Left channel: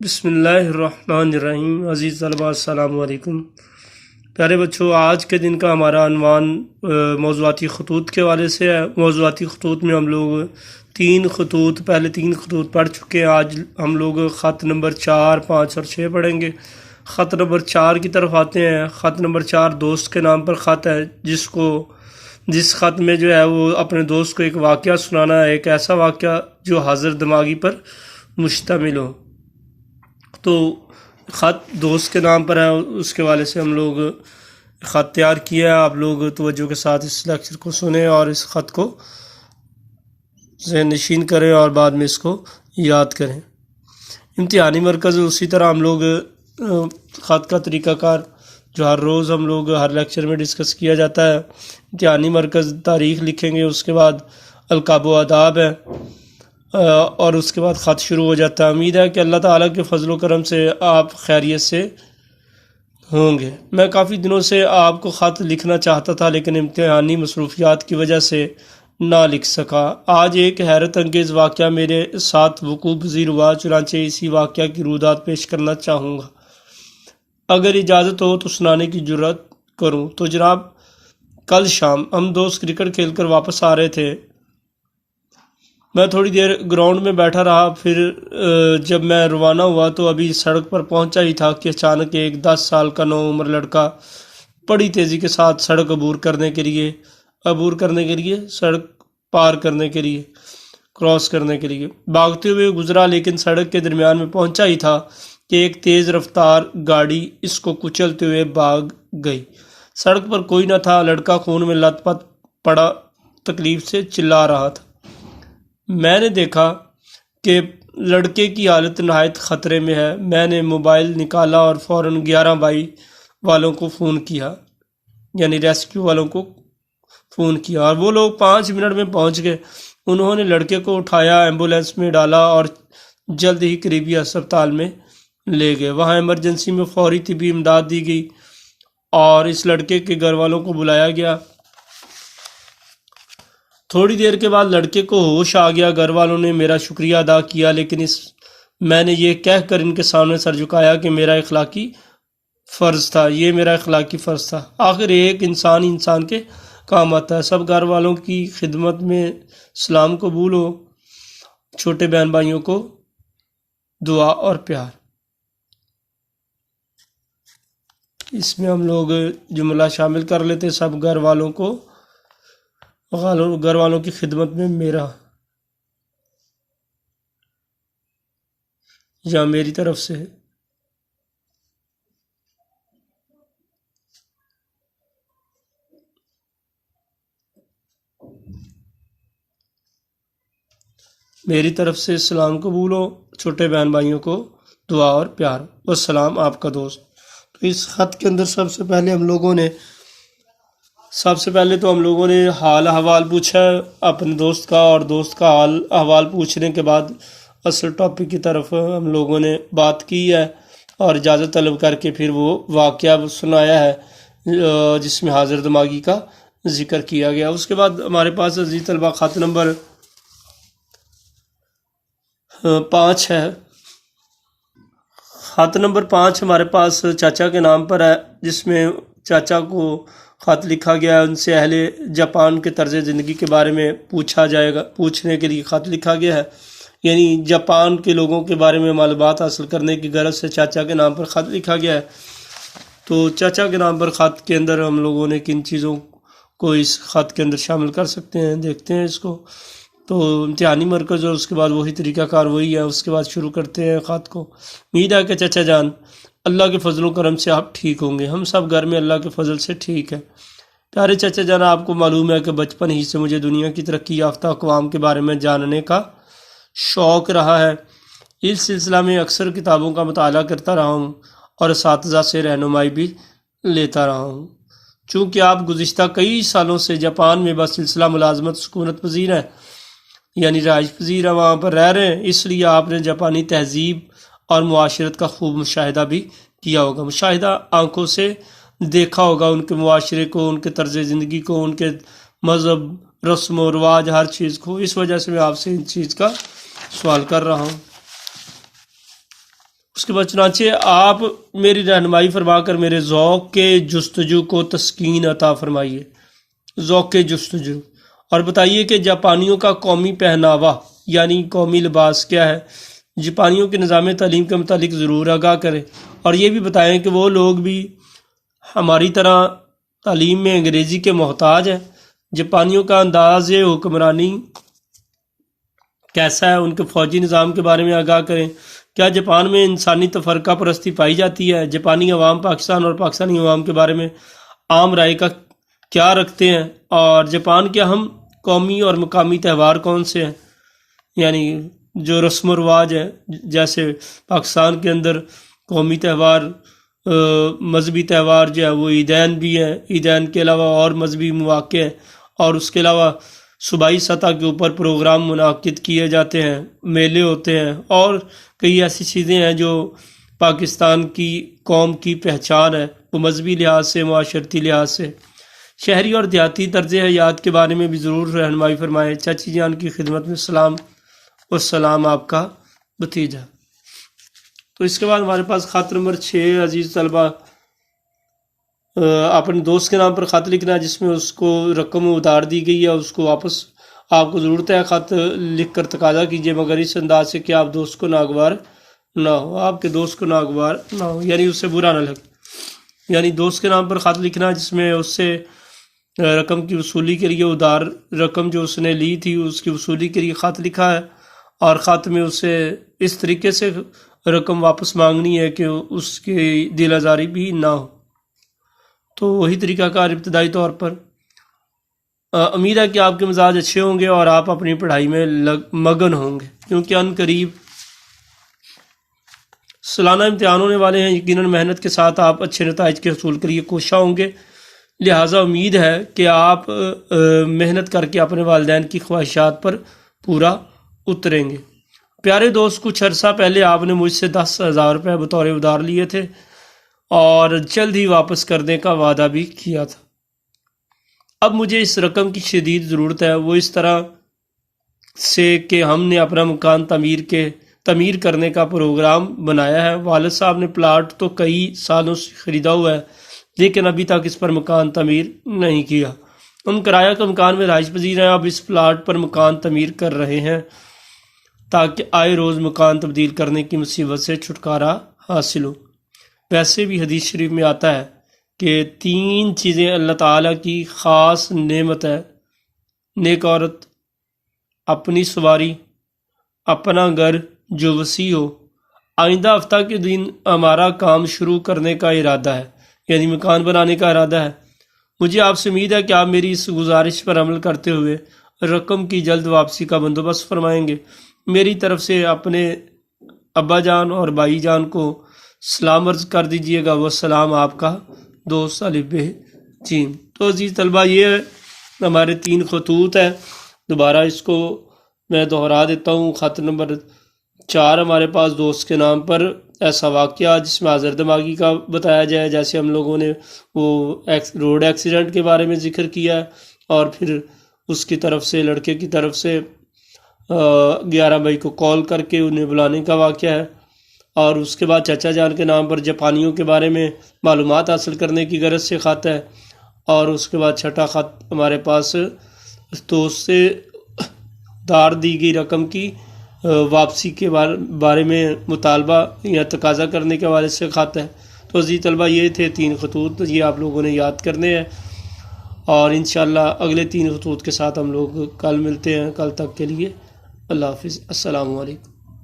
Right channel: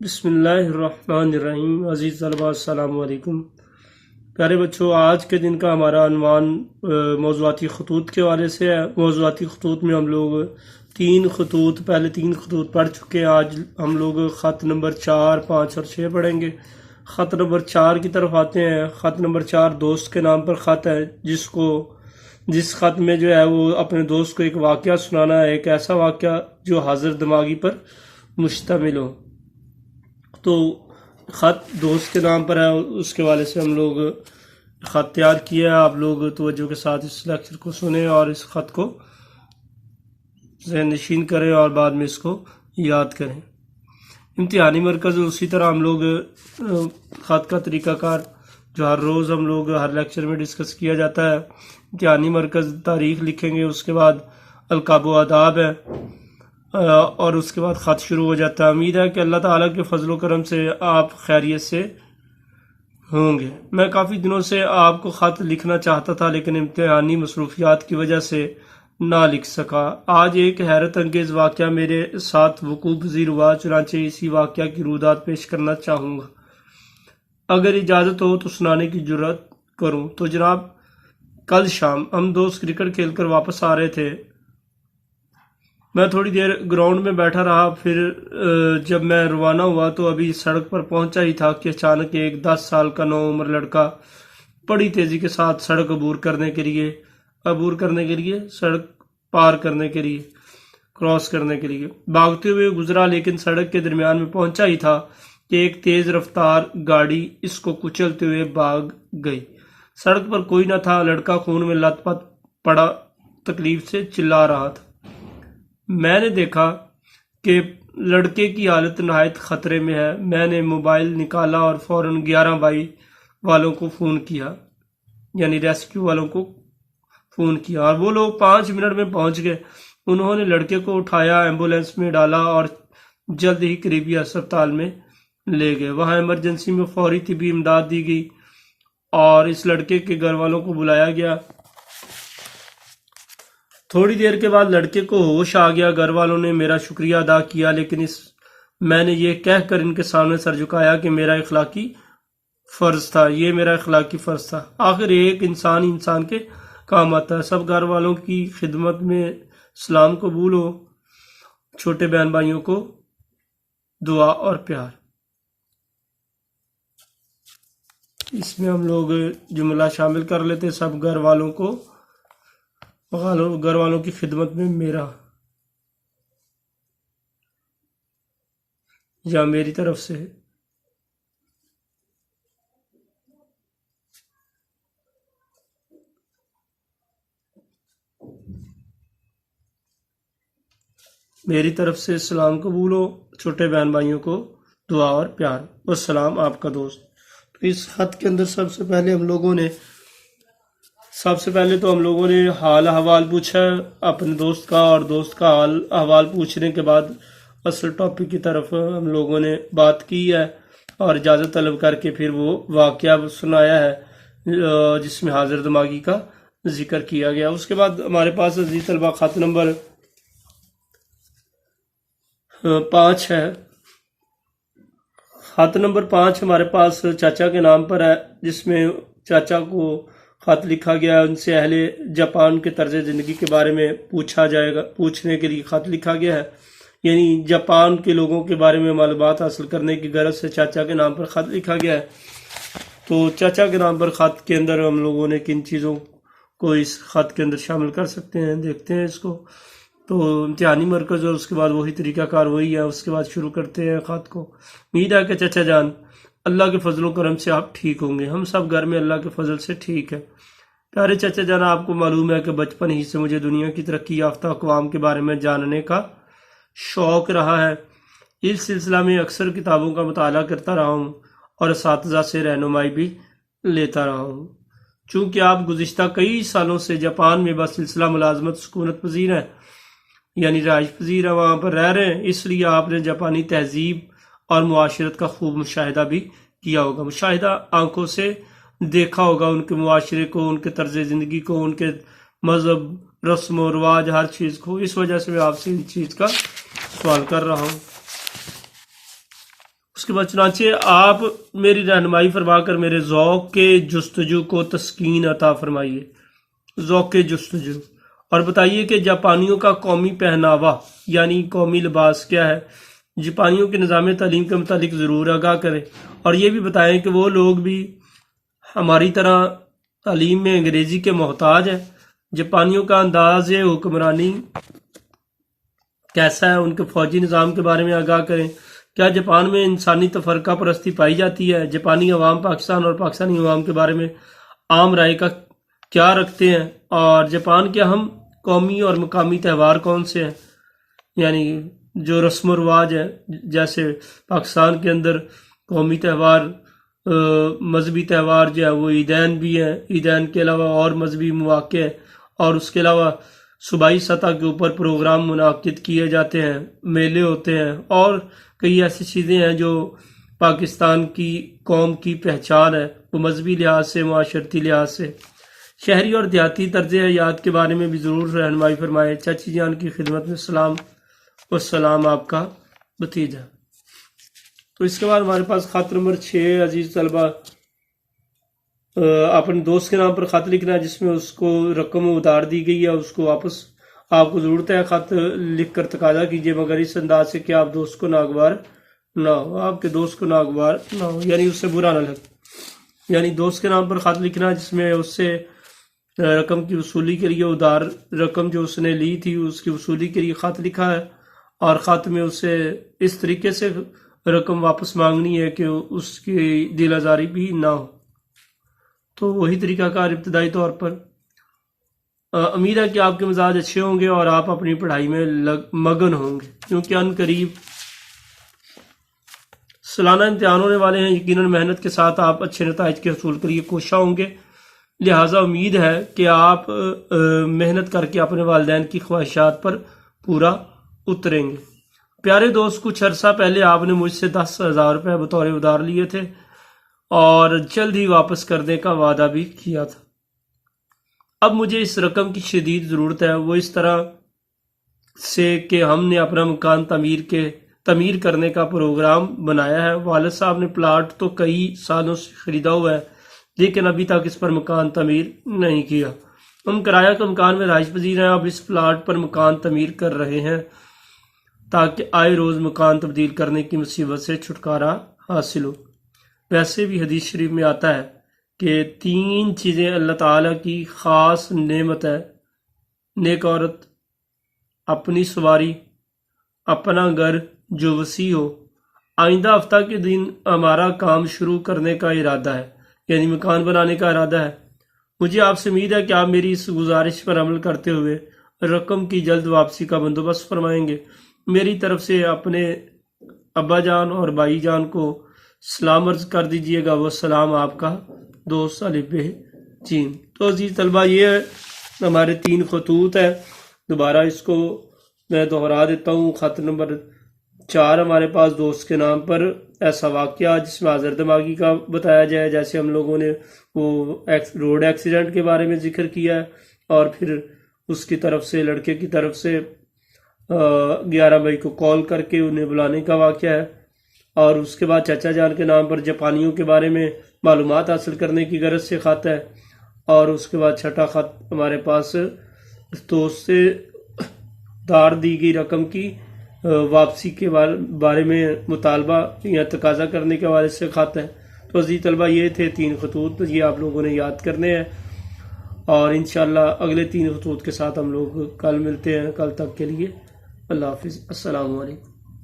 بسم اللہ الرحمن الرحیم۔ عزیز طلباء السلام علیکم۔ پیارے بچوں، آج کے دن کا ہمارا عنوان موضوعاتی خطوط کے حوالے سے ہے۔ موضوعاتی خطوط میں ہم لوگ پہلے تین خطوط پڑھ چکے ہیں۔ آج ہم لوگ خط نمبر 4، 5 اور 6 پڑھیں گے۔ خط نمبر 4 کی طرف آتے ہیں۔ خط نمبر 4 دوست کے نام پر خط ہے، جس خط میں جو ہے وہ اپنے دوست کو ایک واقعہ سنانا ہے، ایک ایسا واقعہ جو حاضر دماغی پر مشتمل ہو۔ تو خط دوست کے نام پر ہے، اس کے حوالے سے ہم لوگ خط تیار کیا ہے۔ آپ لوگ توجہ کے ساتھ اس لیکچر کو سنیں اور اس خط کو ذہن نشین کریں اور بعد میں اس کو یاد کریں۔ امتحانی مرکز اسی طرح ہم لوگ خط کا طریقہ کار جو ہر روز ہم لوگ ہر لیکچر میں ڈسکس کیا جاتا ہے۔ امتحانی مرکز تاریخ لکھیں گے، اس کے بعد القاب و آداب ہے، اور اس کے بعد خط شروع ہو جاتا ہے۔ امید ہے کہ اللہ تعالیٰ کے فضل و کرم سے آپ خیریت سے ہوں گے۔ میں کافی دنوں سے آپ کو خط لکھنا چاہتا تھا، لیکن امتحانی مصروفیات کی وجہ سے نہ لکھ سکا۔ آج ایک حیرت انگیز واقعہ میرے ساتھ وقوع پذیر ہوا، چنانچہ اسی واقعہ کی رودات پیش کرنا چاہوں گا۔ اگر اجازت ہو تو سنانے کی جرات کروں تو جناب، کل شام ہم دوست کرکٹ کھیل کر واپس آ رہے تھے۔ میں تھوڑی دیر گراؤنڈ میں بیٹھا رہا، پھر جب میں روانہ ہوا تو ابھی سڑک پر پہنچا ہی تھا کہ اچانک ایک 10 سال کا نوعمر لڑکا بڑی تیزی کے ساتھ سڑک عبور کرنے کے لیے سڑک پار کرنے کے لیے کراس کرنے کے لیے بھاگتے ہوئے گزرا، لیکن سڑک کے درمیان میں پہنچا ہی تھا کہ ایک تیز رفتار گاڑی اس کو کچلتے ہوئے بھاگ گئی۔ سڑک پر کوئی نہ تھا، لڑکا خون میں لت پت پڑا تکلیف سے چلا رہا تھا۔ میں نے دیکھا کہ لڑکے کی حالت نہایت خطرے میں ہے۔ میں نے موبائل نکالا اور فوراً 11 والوں کو فون کیا، یعنی ریسکیو والوں کو فون کیا، اور وہ لوگ 5 منٹ میں پہنچ گئے۔ انہوں نے لڑکے کو اٹھایا، ایمبولینس میں ڈالا اور جلد ہی قریبی ہسپتال میں لے گئے۔ وہاں ایمرجنسی میں فوری طبی امداد دی گئی اور اس لڑکے کے گھر والوں کو بلایا گیا۔ تھوڑی دیر کے بعد لڑکے کو ہوش آ گیا۔ گھر والوں نے میرا شکریہ ادا کیا، لیکن میں نے یہ کہہ کر ان کے سامنے سر جھکایا کہ یہ میرا اخلاقی فرض تھا۔ آخر ایک انسان کے کام آتا ہے۔ سب گھر والوں کی خدمت میں سلام قبول ہو۔ چھوٹے بہن بھائیوں کو دعا اور پیار۔ اس میں ہم لوگ جملہ شامل کر لیتے، سب گھر والوں کی خدمت میں میرا یا میری طرف سے۔ میری طرف سے سلام قبول ہو، چھوٹے بہن بھائیوں کو دعا اور پیار۔ والسلام، آپ کا دوست۔ تو اس خط کے اندر سب سے پہلے تو ہم لوگوں نے حال احوال پوچھا اپنے دوست کا، اور دوست کا حال احوال پوچھنے کے بعد اصل ٹاپک کی طرف ہم لوگوں نے بات کی ہے اور اجازت طلب کر کے پھر وہ واقعہ سنایا ہے جس میں حاضر دماغی کا ذکر کیا گیا۔ اس کے بعد ہمارے پاس عزیز طلبہ خط نمبر 5 ہے۔ خط نمبر 5 ہمارے پاس چاچا کے نام پر ہے، جس میں چاچا کو خط لکھا گیا ہے۔ ان سے اہل جاپان کے طرز زندگی کے بارے میں پوچھنے کے لیے خط لکھا گیا ہے، یعنی جاپان کے لوگوں کے بارے میں معلومات حاصل کرنے کی غرض سے چاچا کے نام پر خط لکھا گیا ہے۔ تو چاچا کے نام پر خط کے اندر ہم لوگوں نے کن چیزوں کو اس خط کے اندر شامل کر سکتے ہیں، دیکھتے ہیں اس کو۔ تو امتحانی مرکز اور اس کے بعد وہی طریقہ کار وہی ہے۔ اس کے بعد شروع کرتے ہیں خط کو۔ امید ہے کہ چچا جان اللہ کے فضل و کرم سے آپ ٹھیک ہوں گے۔ ہم سب گھر میں اللہ کے فضل سے ٹھیک ہے۔ پیارے چچا جان، آپ کو معلوم ہے کہ بچپن ہی سے مجھے دنیا کی ترقی یافتہ اقوام کے بارے میں جاننے کا شوق رہا ہے۔ اس سلسلہ میں اکثر کتابوں کا مطالعہ کرتا رہا ہوں اور اساتذہ سے رہنمائی بھی لیتا رہا ہوں۔ چونکہ آپ گزشتہ کئی سالوں سے جاپان میں بسلسلہ ملازمت سکونت پذیر ہیں، یعنی رہائش پذیر ہیں، وہاں پر رہ رہے ہیں، اس لیے آپ نے جاپانی تہذیب اور معاشرت کا خوب مشاہدہ بھی کیا ہوگا۔ مشاہدہ آنکھوں سے دیکھا ہوگا، ان کے معاشرے کو، ان کے طرز زندگی کو، ان کے مذہب، رسم و رواج، ہر چیز کو۔ اس وجہ سے میں آپ سے ان چیز کا سوال کر رہا ہوں۔ اس کے بعد چنانچہ آپ میری رہنمائی فرما کر میرے ذوق کے جستجو کو تسکین عطا فرمائیے. ذوق کے جستجو، اور بتائیے کہ جاپانیوں کا قومی پہناوا یعنی قومی لباس کیا ہے. جاپانیوں کے نظام تعلیم کے متعلق ضرور آگاہ کریں، اور یہ بھی بتائیں کہ وہ لوگ بھی ہماری طرح تعلیم میں انگریزی کے محتاج ہیں. جاپانیوں کا انداز حکمرانی کیسا ہے، ان کے فوجی نظام کے بارے میں آگاہ کریں. کیا جاپان میں انسانی تفرقہ پرستی پائی جاتی ہے؟ جاپانی عوام پاکستان اور پاکستانی عوام کے بارے میں عام رائے کا کیا رکھتے ہیں؟ اور جاپان کے اہم قومی اور مقامی تہوار کون سے ہیں؟ یعنی جو رسم و رواج ہیں، جیسے پاکستان کے اندر قومی تہوار، مذہبی تہوار جو ہے وہ عیدین بھی ہیں، عیدین کے علاوہ اور مذہبی مواقع ہیں، اور اس کے علاوہ صوبائی سطح کے اوپر پروگرام منعقد کیے جاتے ہیں، میلے ہوتے ہیں، اور کئی ایسی چیزیں ہیں جو پاکستان کی قوم کی پہچان ہے، وہ مذہبی لحاظ سے، معاشرتی لحاظ سے. شہری اور دیہاتی طرز حیات کے بارے میں بھی ضرور رہنمائی فرمائیں. چاچی جان کی خدمت میں سلام، اور سلام آپ کا بھتیجا. تو اس کے بعد ہمارے پاس خط نمبر 6. عزیز طلبہ، اپنے دوست کے نام پر خط لکھنا ہے جس میں اس کو رقم ادھار دی گئی ہے، اس کو واپس آپ کو ضرورت ہے خط لکھ کر تقاضا کیجیے، مگر اس انداز سے کہ آپ دوست کو ناگوار نہ ہو، آپ کے دوست کو ناگوار نہ ہو، یعنی اس سے برا نہ لگے. یعنی دوست کے نام پر خط لکھنا ہے جس میں اس سے رقم کی وصولی کے لیے ادھار رقم جو اس نے لی تھی اس کی وصولی کے لیے خط لکھا ہے، اور خط میں اس سے اس طریقے سے رقم واپس مانگنی ہے کہ اس کی دل آزاری بھی نہ ہو. تو وہی طریقہ کار ابتدائی طور پر. امید ہے کہ آپ کے مزاج اچھے ہوں گے اور آپ اپنی پڑھائی میں مگن ہوں گے، کیونکہ ان قریب سالانہ امتحان ہونے والے ہیں. یقیناً محنت کے ساتھ آپ اچھے نتائج کے حصول کے لیے کوشاں ہوں گے، لہٰذا امید ہے کہ آپ محنت کر کے اپنے والدین کی خواہشات پر پورا اتریں گے. پیارے دوست، کچھ عرصہ پہلے آپ نے مجھ سے 10,000 روپے بطور ادھار لیے تھے اور جلد ہی واپس کرنے کا وعدہ بھی کیا تھا. اب مجھے اس رقم کی شدید ضرورت ہے، وہ اس طرح سے کہ ہم نے اپنا مکان تعمیر کرنے کا پروگرام بنایا ہے. والد صاحب نے پلاٹ تو کئی سالوں سے خریدا ہوا ہے، لیکن ابھی تک اس پر مکان تعمیر نہیں کیا. ہم کرایہ کا مکان میں رہائش پذیر ہیں، اب اس پلاٹ پر مکان تعمیر کر رہے ہیں تاکہ آئے روز مکان تبدیل کرنے کی مصیبت سے چھٹکارا حاصل ہو. ویسے بھی حدیث شریف میں آتا ہے کہ 3 چیزیں اللہ تعالیٰ کی خاص نعمت ہے: نیک عورت، اپنی سواری، اپنا گھر جو وسیع ہو. آئندہ ہفتہ کے دن ہمارا کام شروع کرنے کا ارادہ ہے، یعنی مکان بنانے کا ارادہ ہے. مجھے آپ سے امید ہے کہ آپ میری اس گزارش پر عمل کرتے ہوئے رقم کی جلد واپسی کا بندوبست فرمائیں گے. میری طرف سے اپنے ابا جان اور بھائی جان کو سلام عرض کر دیجئے گا. وہ سلام آپ کا دوست الف چین. تو عزیز طلبہ، یہ ہمارے 3 خطوط ہیں. دوبارہ اس کو میں دہرا دیتا ہوں. خط نمبر 4 ہمارے پاس دوست کے نام پر ایسا واقعہ جس میں حاضر دماغی کا بتایا جائے، جیسے ہم لوگوں نے وہ روڈ ایکسیڈنٹ کے بارے میں ذکر کیا ہے، اور پھر اس کی طرف سے لڑکے کی طرف سے 11 مئی کو کال کر کے انہیں بلانے کا واقعہ ہے. اور اس کے بعد چچا جان کے نام پر جاپانیوں کے بارے میں معلومات حاصل کرنے کی غرض سے خط ہے. اور اس کے بعد 6ٹھا خط ہمارے پاس دوست سے دھار دی گئی رقم کی واپسی کے بارے میں مطالبہ یا تقاضا کرنے کے حوالے سے خط ہے. تو عزیز طلبہ، یہ تھے 3 خطوط، یہ آپ لوگوں نے یاد کرنے ہیں، اور انشاءاللہ اگلے 3 خطوط کے ساتھ ہم لوگ کل ملتے ہیں. کل تک کے لیے اللہ حافظ. السلام علیکم.